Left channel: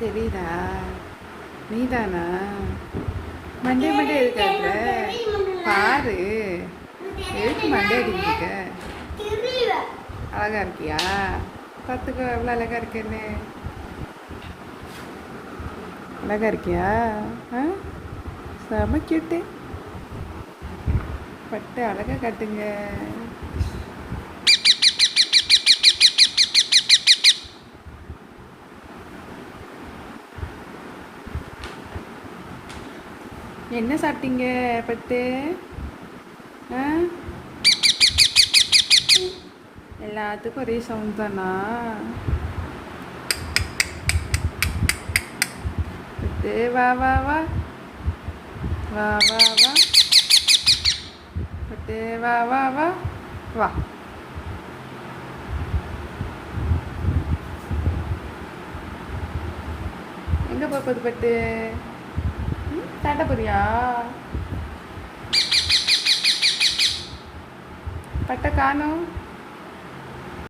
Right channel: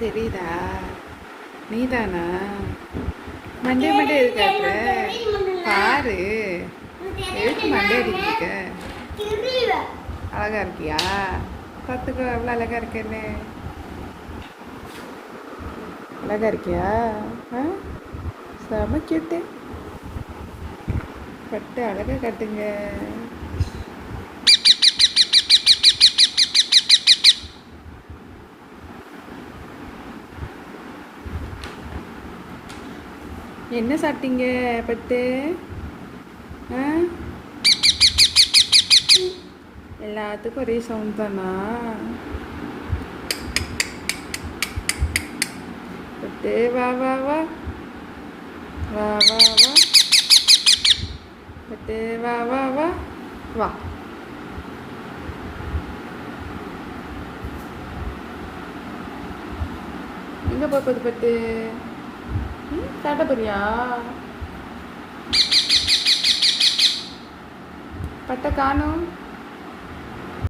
தெரியுதா? நீதானா? Monday Monday இருக்காது பாரு. எதுக்கு மண்டே அடிக்கிட்ட? அழகா இருக்கியா? பார்த்துக்கோ, எவ்வளோ அழகா இருக்கேன்னு. அழகா இருக்கியா? செம கியூட்டு. பட்டு அழகா கட்டுங்க. என்ன சாப்பிட்டீங்க பட்டு? எல்லாத்துக்கும் ஒரே சவுண்ட் தானா? பட்டு வா வா வா வா வா வா பட்டு வா வா வா வா. எங்கே போகுது பட்டு? காட்ட போறியா? பட்டை காணும்.